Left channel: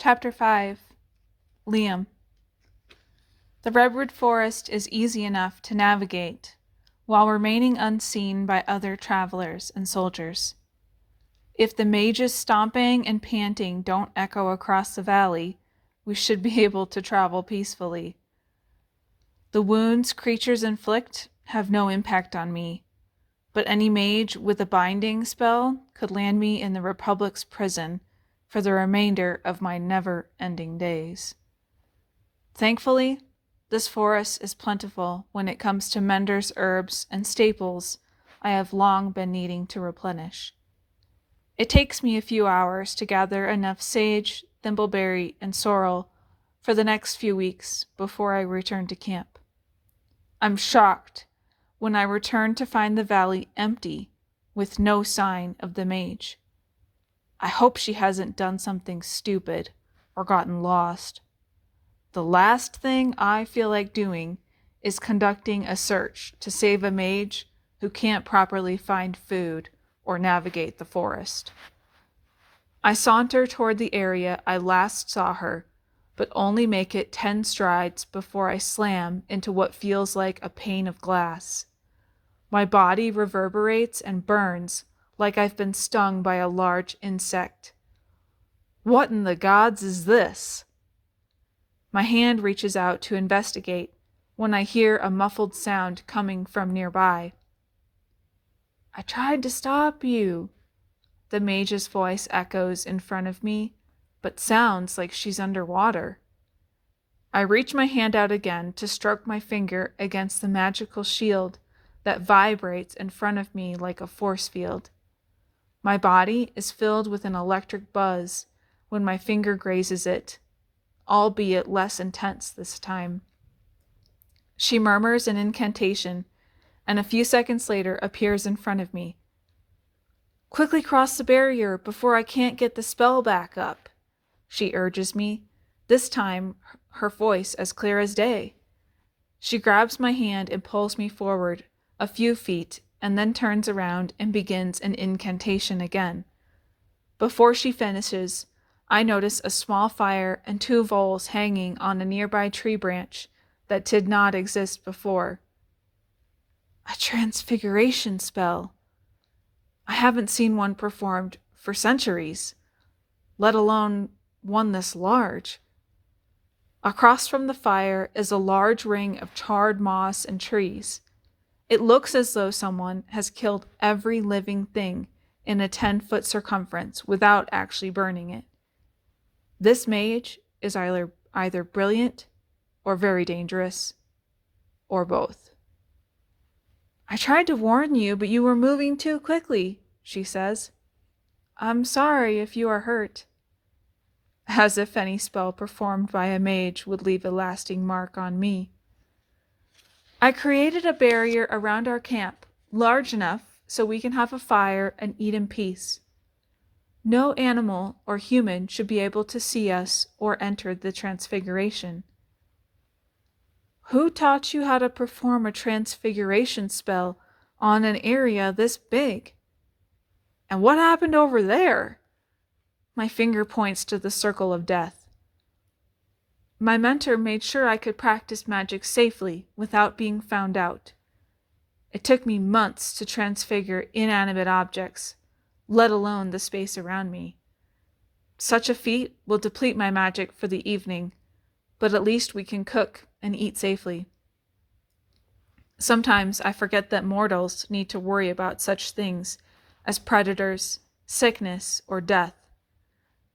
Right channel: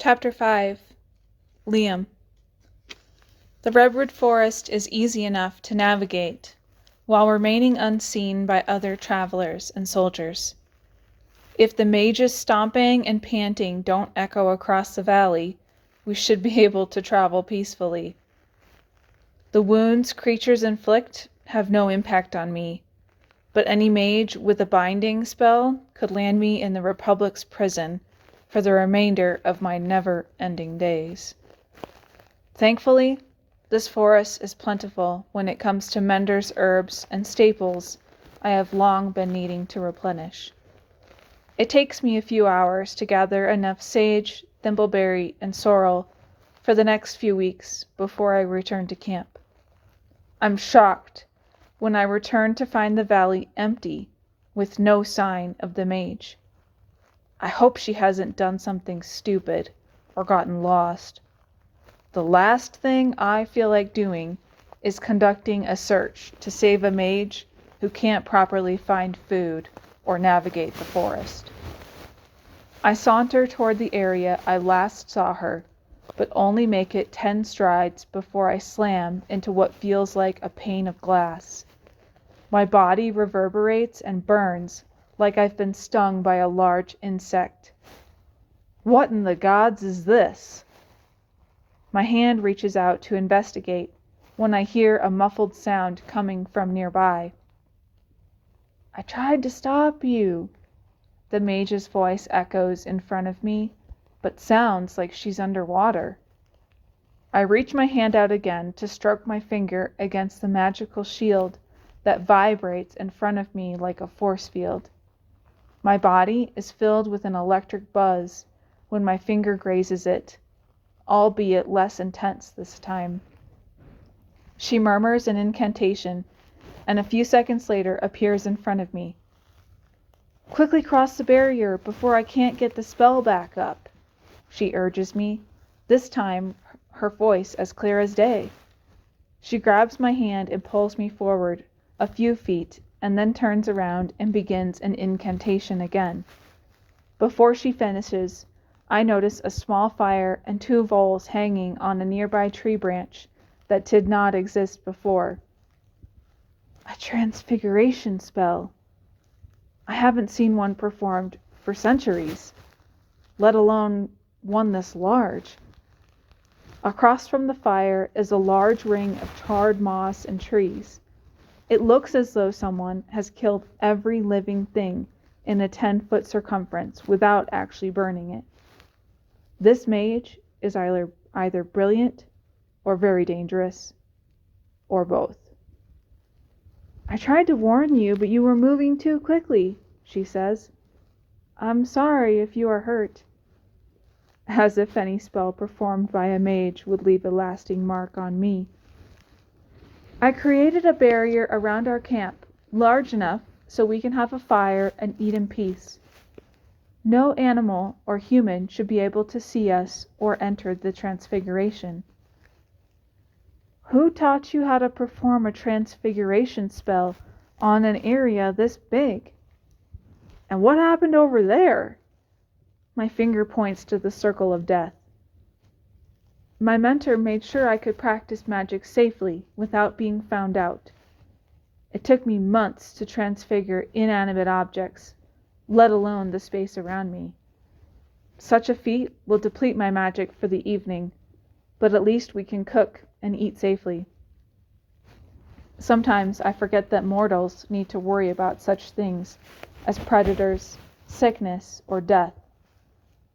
Chapter 5. Liam. The redwood forest is easy enough to navigate, while remaining unseen by other travelers and soldiers. If the mage's stomping and panting don't echo across the valley, we should be able to travel peacefully. The wounds creatures inflict have no impact on me, but any mage with a binding spell could land me in the Republic's prison for the remainder of my never-ending days. Thankfully, this forest is plentiful when it comes to menders, herbs, and staples I have long been needing to replenish. It takes me a few hours to gather enough sage, thimbleberry, and sorrel for the next few weeks before I return to camp. I'm shocked when I return to find the valley empty with no sign of the mage. I hope she hasn't done something stupid or gotten lost. The last thing I feel like doing is conducting a search to save a mage who can't properly find food or navigate the forest. I saunter toward the area I last saw her, but only make it 10 strides before I slam into what feels like a pane of glass. My body reverberates and burns like I've been stung by a large insect. What in the gods is this? My hand reaches out to investigate when I hear a muffled sound coming from nearby. I tried to stop you, the mage's voice echoes in front of me, but sounds like she's underwater. I reach my hand out again to stroke my finger against the magical shield that vibrates in front of me like a force field. My body is filled with an electric buzz when my finger grazes it, albeit less intense this time. She murmurs an incantation, and a few seconds later appears in front of me. Quickly cross the barrier before I can't get the spell back up, she urges me, this time her voice as clear as day. She grabs my hand and pulls me forward a few feet and then turns around and begins an incantation again. Before she finishes, I notice a small fire and 2 voles hanging on a nearby tree branch that did not exist before. A transfiguration spell. I haven't seen one performed for centuries, let alone one this large. Across from the fire is a large ring of charred moss and trees. It looks as though someone has killed every living thing in a 10-foot circumference without actually burning it. This mage is either brilliant or very dangerous, or both. I tried to warn you, but you were moving too quickly, she says. I'm sorry if you are hurt. As if any spell performed by a mage would leave a lasting mark on me. I created a barrier around our camp, large enough so we can have a fire and eat in peace. No animal or human should be able to see us or enter the transfiguration. Who taught you how to perform a transfiguration spell on an area this big? And what happened over there? My finger points to the circle of death. My mentor made sure I could practice magic safely without being found out. It took me months to transfigure inanimate objects, let alone the space around me. Such a feat will deplete my magic for the evening, but at least we can cook and eat safely. Sometimes I forget that mortals need to worry about such things as predators, sickness, or death.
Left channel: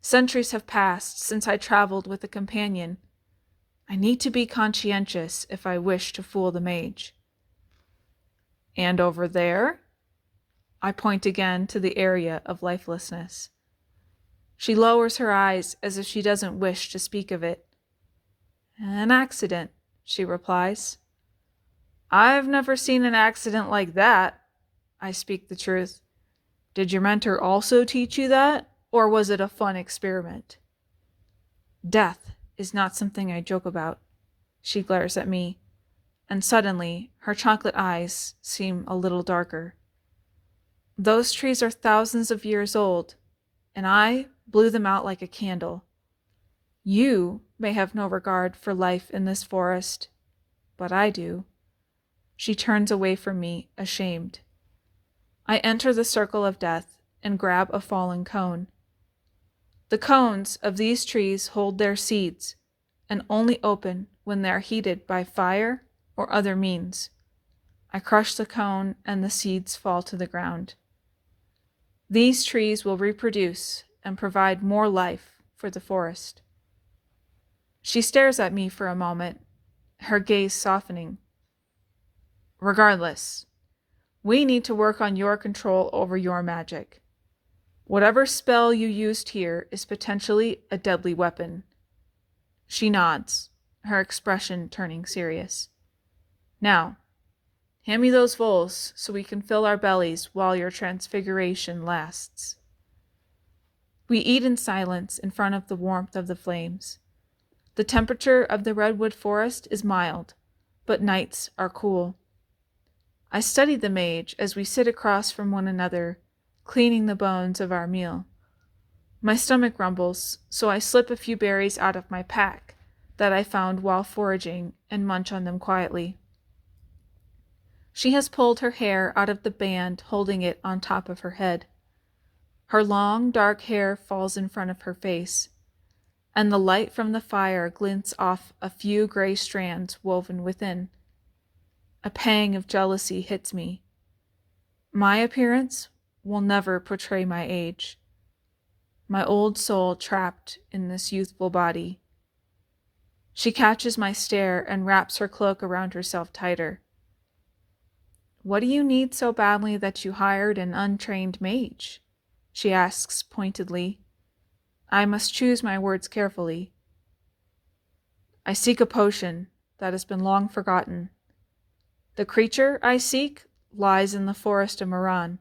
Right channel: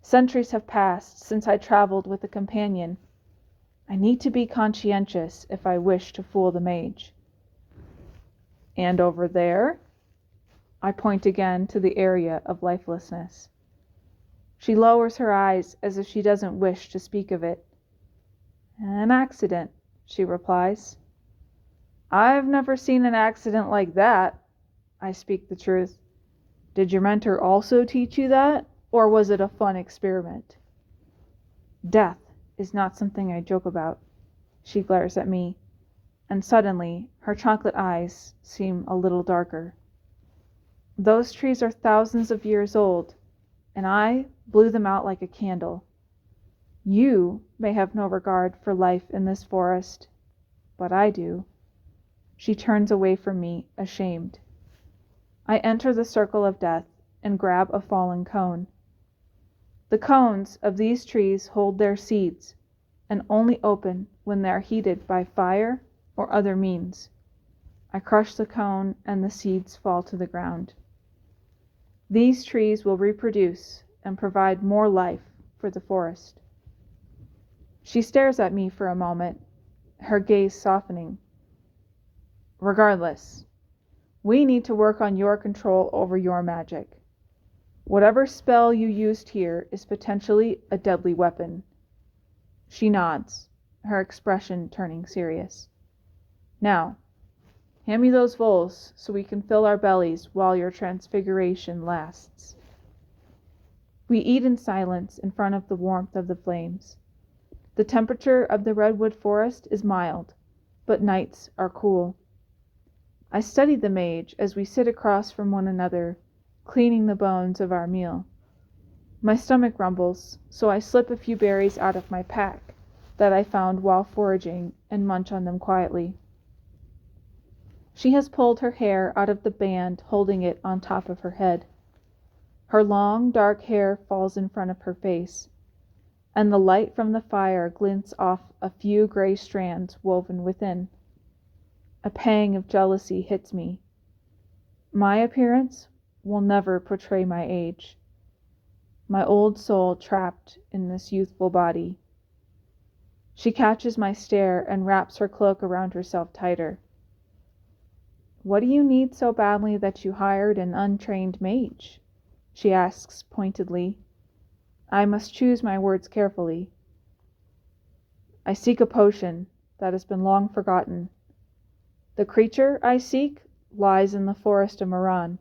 Centuries have passed since I traveled with a companion. I need to be conscientious if I wish to fool the mage. And over there? I point again to the area of lifelessness. She lowers her eyes as if she doesn't wish to speak of it. An accident, she replies. I've never seen an accident like that. I speak the truth. Did your mentor also teach you that? Or was it a fun experiment? Death is not something I joke about. She glares at me, and suddenly her chocolate eyes seem a little darker. Those trees are thousands of years old, and I blew them out like a candle. You may have no regard for life in this forest, but I do. She turns away from me, ashamed. I enter the circle of death and grab a fallen cone. The cones of these trees hold their seeds and only open when they are heated by fire or other means. I crush the cone and the seeds fall to the ground. These trees will reproduce and provide more life for the forest. She stares at me for a moment, her gaze softening. Regardless, we need to work on your control over your magic. Whatever spell you used here is potentially a deadly weapon. She nods, her expression turning serious. Now, hand me those voles so we can fill our bellies while your transfiguration lasts. We eat in silence in front of the warmth of the flames. The temperature of the redwood forest is mild, but nights are cool. I study the mage as we sit across from one another, cleaning the bones of our meal. My stomach rumbles, so I slip a few berries out of my pack that I found while foraging and munch on them quietly. She has pulled her hair out of the band holding it on top of her head. Her long, dark hair falls in front of her face, and the light from the fire glints off a few gray strands woven within. A pang of jealousy hits me. My appearance will never portray my age. My old soul trapped in this youthful body. She catches my stare and wraps her cloak around herself tighter. What do you need so badly that you hired an untrained mage? She asks pointedly. I must choose my words carefully. I seek a potion that has been long forgotten. The creature I seek lies in the forest of Moran,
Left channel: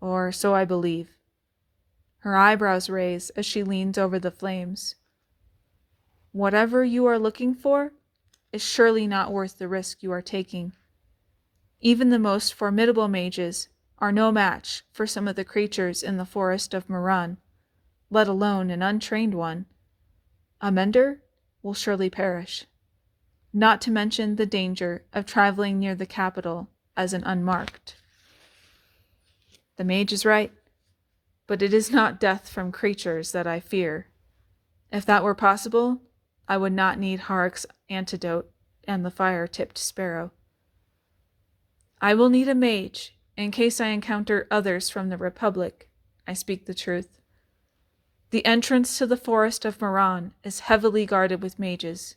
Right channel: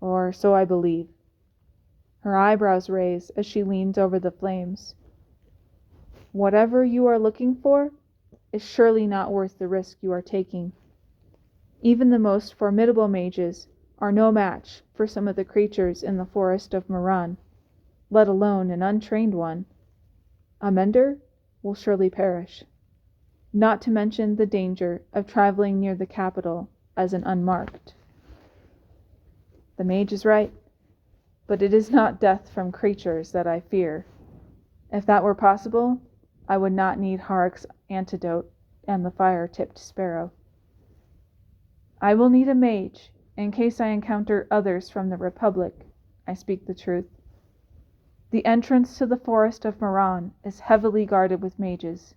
or so I believe. Her eyebrows raise as she leans over the flames. Whatever you are looking for is surely not worth the risk you are taking. Even the most formidable mages are no match for some of the creatures in the forest of Moran, let alone an untrained one. A mender will surely perish, not to mention the danger of traveling near the capital as an unmarked. The mage is right, but it is not death from creatures that I fear. If that were possible, I would not need Harrick's antidote and the fire-tipped sparrow. I will need a mage in case I encounter others from the Republic. I speak the truth. The entrance to the forest of Moran is heavily guarded with mages.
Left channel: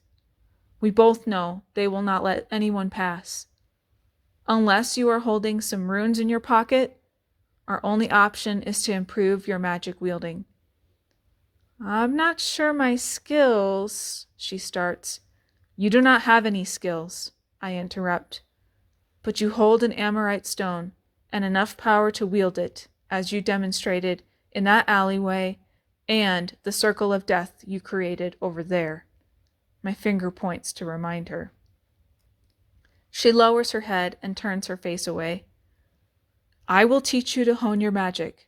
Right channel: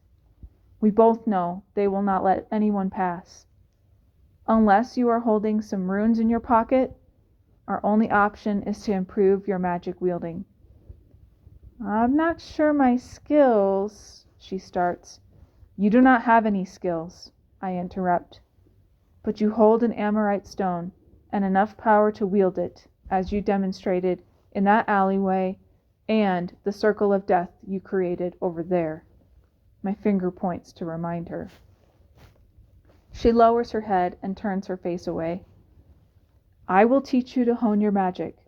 We both know they will not let anyone pass. Unless you are holding some runes in your pocket, our only option is to improve your magic wielding. I'm not sure my skills, she starts. You do not have any skills, I interrupt. But you hold an Amorite stone and enough power to wield it, as you demonstrated in that alleyway and the circle of death you created over there. My finger points to remind her. She lowers her head and turns her face away. I will teach you to hone your magic,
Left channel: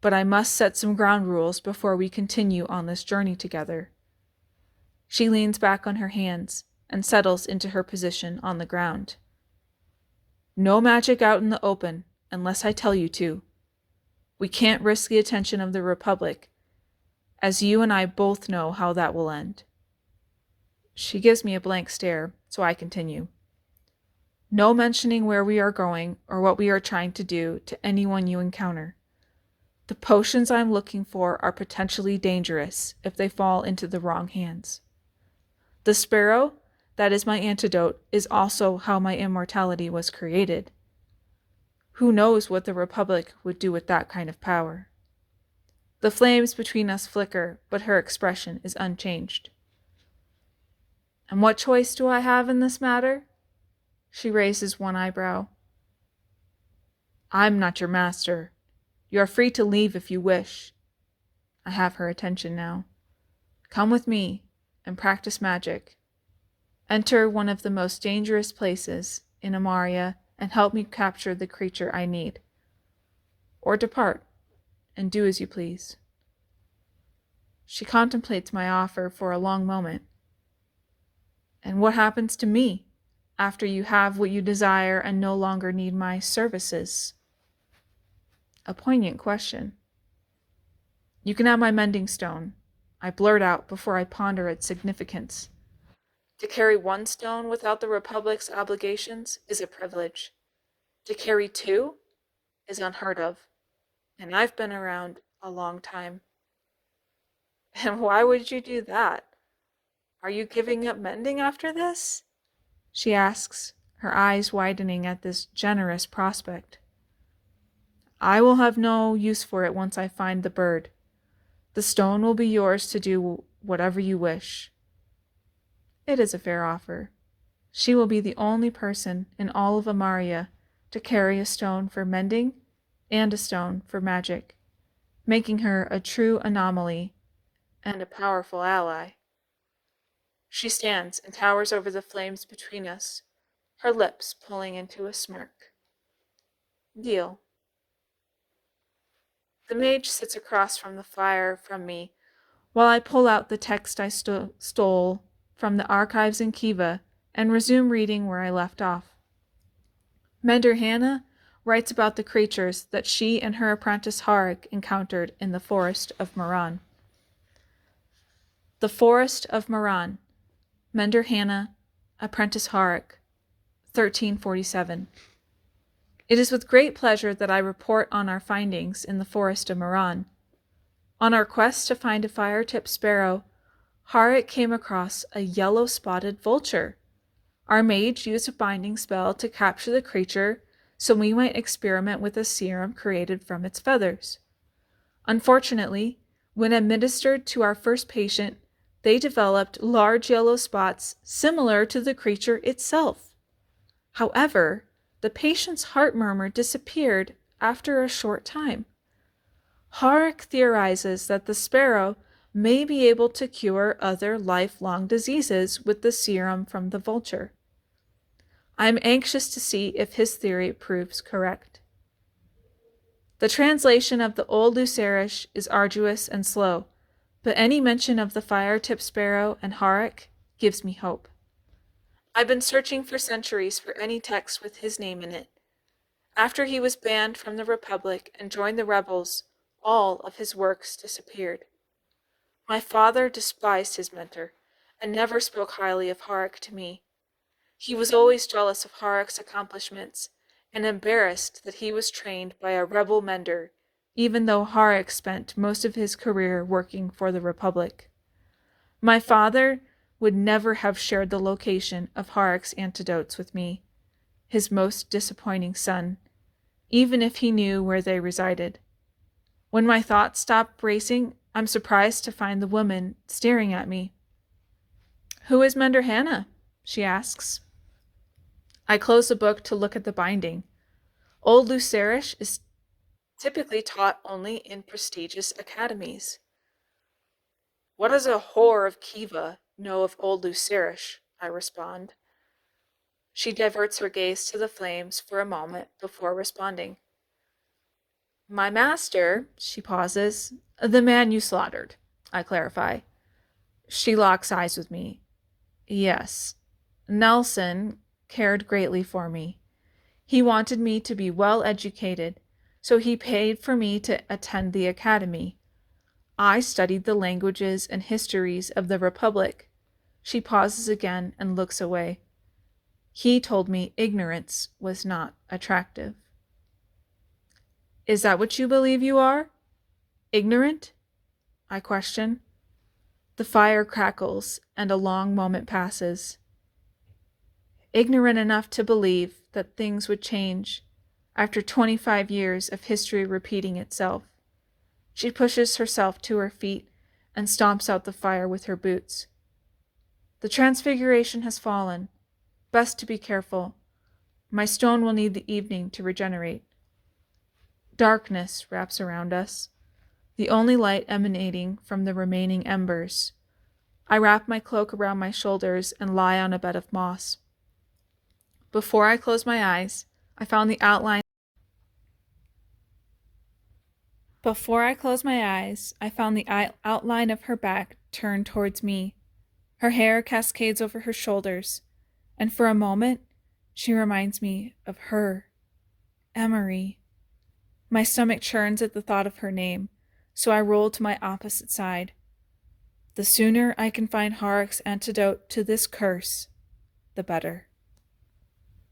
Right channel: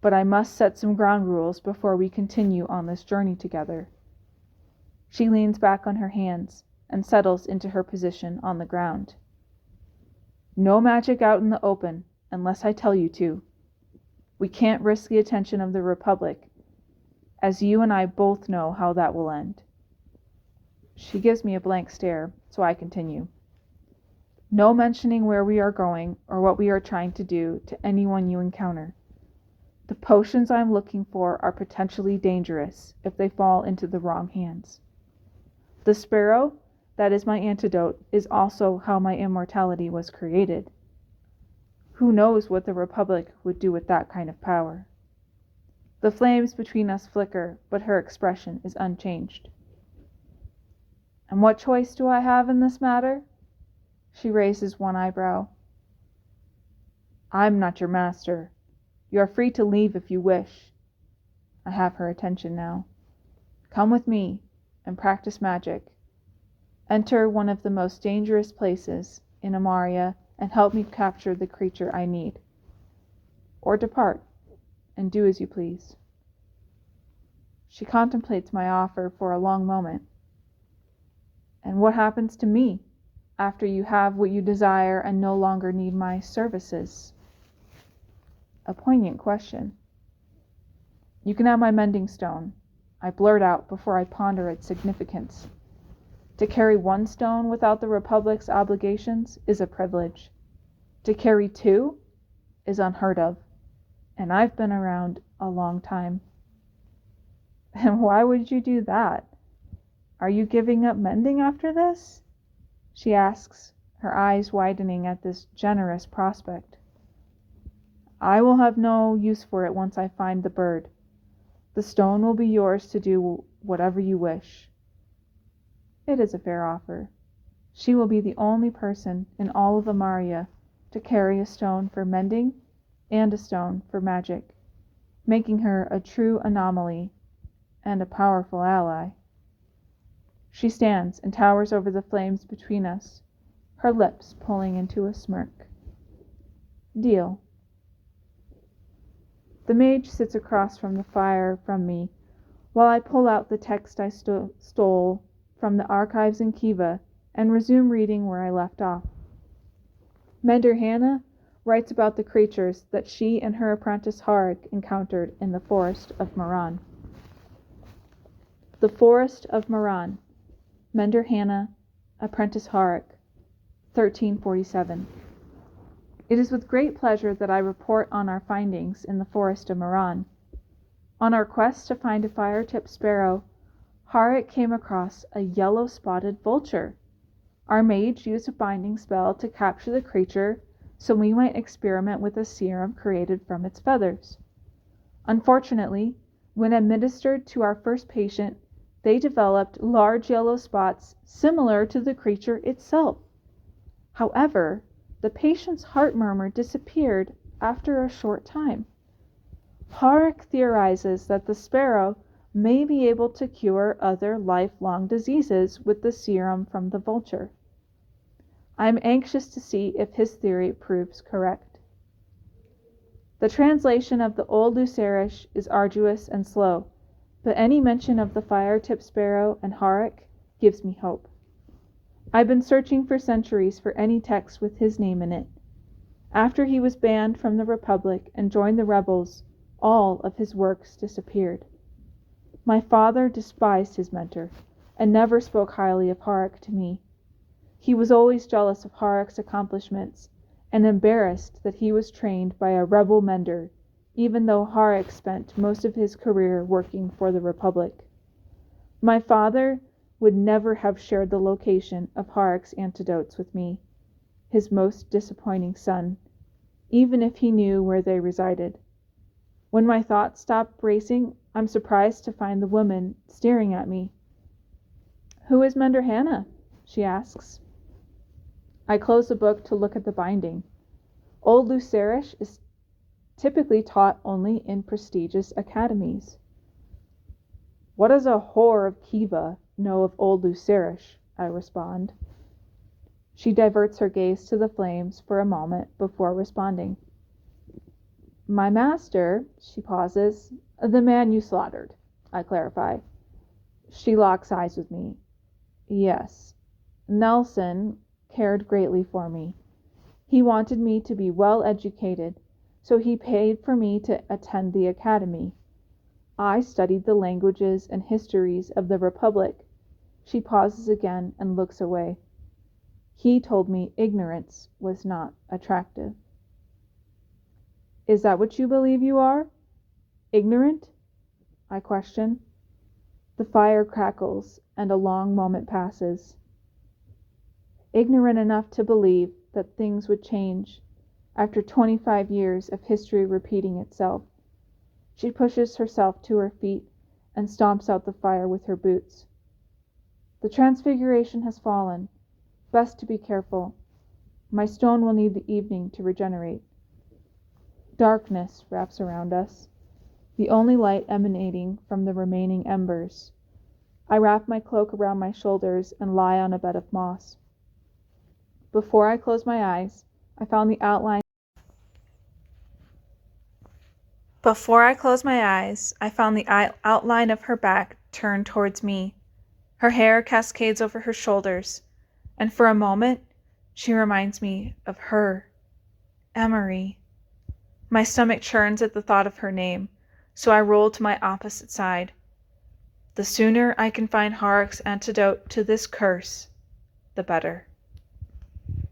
but I must set some ground rules before we continue on this journey together. She leans back on her hands and settles into her position on the ground. No magic out in the open unless I tell you to. We can't risk the attention of the Republic, as you and I both know how that will end. She gives me a blank stare, so I continue. No mentioning where we are going or what we are trying to do to anyone you encounter. The potions I'm looking for are potentially dangerous if they fall into the wrong hands. The sparrow, that is my antidote, is also how my immortality was created. Who knows what the Republic would do with that kind of power? The flames between us flicker, but her expression is unchanged. And what choice do I have in this matter? She raises one eyebrow. I'm not your master. You are free to leave if you wish. I have her attention now. Come with me and practice magic. Enter one of the most dangerous places in Amaria and help me capture the creature I need. Or depart and do as you please. She contemplates my offer for a long moment. And what happens to me after you have what you desire and no longer need my services? A poignant question. You can have my mending stone, I blurt out before I ponder its significance. To carry one stone without the Republic's obligations is a privilege. To carry two is unheard of, and I've been around a long time. And why would you do that? Are you giving up mending after this? She asks, her eyes widening at this generous prospect. I will have no use for it once I find the bird. The stone will be yours to do whatever you wish. It is a fair offer. She will be the only person in all of Amaria to carry a stone for mending and a stone for magic, making her a true anomaly and a powerful ally. She stands and towers over the flames between us, her lips pulling into a smirk. Deal. The mage sits across from the fire from me, while I pull out the text I stole from the archives in Kiva and resume reading where I left off. Mender Hannah writes about the creatures that she and her apprentice Harik encountered in the Forest of Moran. The Forest of Moran. Mender Hannah, apprentice Harik, 1347. It is with great pleasure that I report on our findings in the Forest of Moran. On our quest to find a fire-tipped sparrow, Harik came across a yellow-spotted vulture. Our mage used a binding spell to capture the creature so we might experiment with a serum created from its feathers. Unfortunately, when administered to our first patient, they developed large yellow spots similar to the creature itself. However, the patient's heart murmur disappeared after a short time. Harik theorizes that the sparrow may be able to cure other lifelong diseases with the serum from the vulture. I am anxious to see if his theory proves correct. The translation of the Old Lucerish is arduous and slow, but any mention of the fire-tipped sparrow and Harik gives me hope. I've been searching for centuries for any text with his name in it. After he was banned from the Republic and joined the rebels, all of his works disappeared. My father despised his mentor and never spoke highly of Harik to me. He was always jealous of Harik's accomplishments and embarrassed that he was trained by a rebel mender, even though Harik spent most of his career working for the Republic. My father would never have shared the location of Harik's antidotes with me, his most disappointing son, even if he knew where they resided. When my thoughts stop racing, I'm surprised to find the woman staring at me. "Who is Mender Hannah?" she asks. I close the book to look at the binding. Old Lucerish is typically taught only in prestigious academies. What does a whore of Kiva know of Old Lucerish? I respond. She diverts her gaze to the flames for a moment before responding. My master, she pauses, the man you slaughtered, I clarify. She locks eyes with me. Yes, Nelson cared greatly for me. He wanted me to be well educated, so he paid for me to attend the academy. I studied the languages and histories of the Republic. She pauses again and looks away. He told me ignorance was not attractive. Is that what you believe you are? Ignorant? I question. The fire crackles, and a long moment passes. Ignorant enough to believe that things would change after 25 years of history repeating itself. She pushes herself to her feet and stomps out the fire with her boots. The transfiguration has fallen. Best to be careful. My stone will need the evening to regenerate. Darkness wraps around us, the only light emanating from the remaining embers. I wrap my cloak around my shoulders and lie on a bed of moss. Before I close my eyes, I found the outline Before I closed my eyes, I found the outline of her back turned towards me. Her hair cascades over her shoulders, and for a moment, she reminds me of her, Emery. My stomach churns at the thought of her name, so I roll to my opposite side. The sooner I can find Harek's antidote to this curse, the better.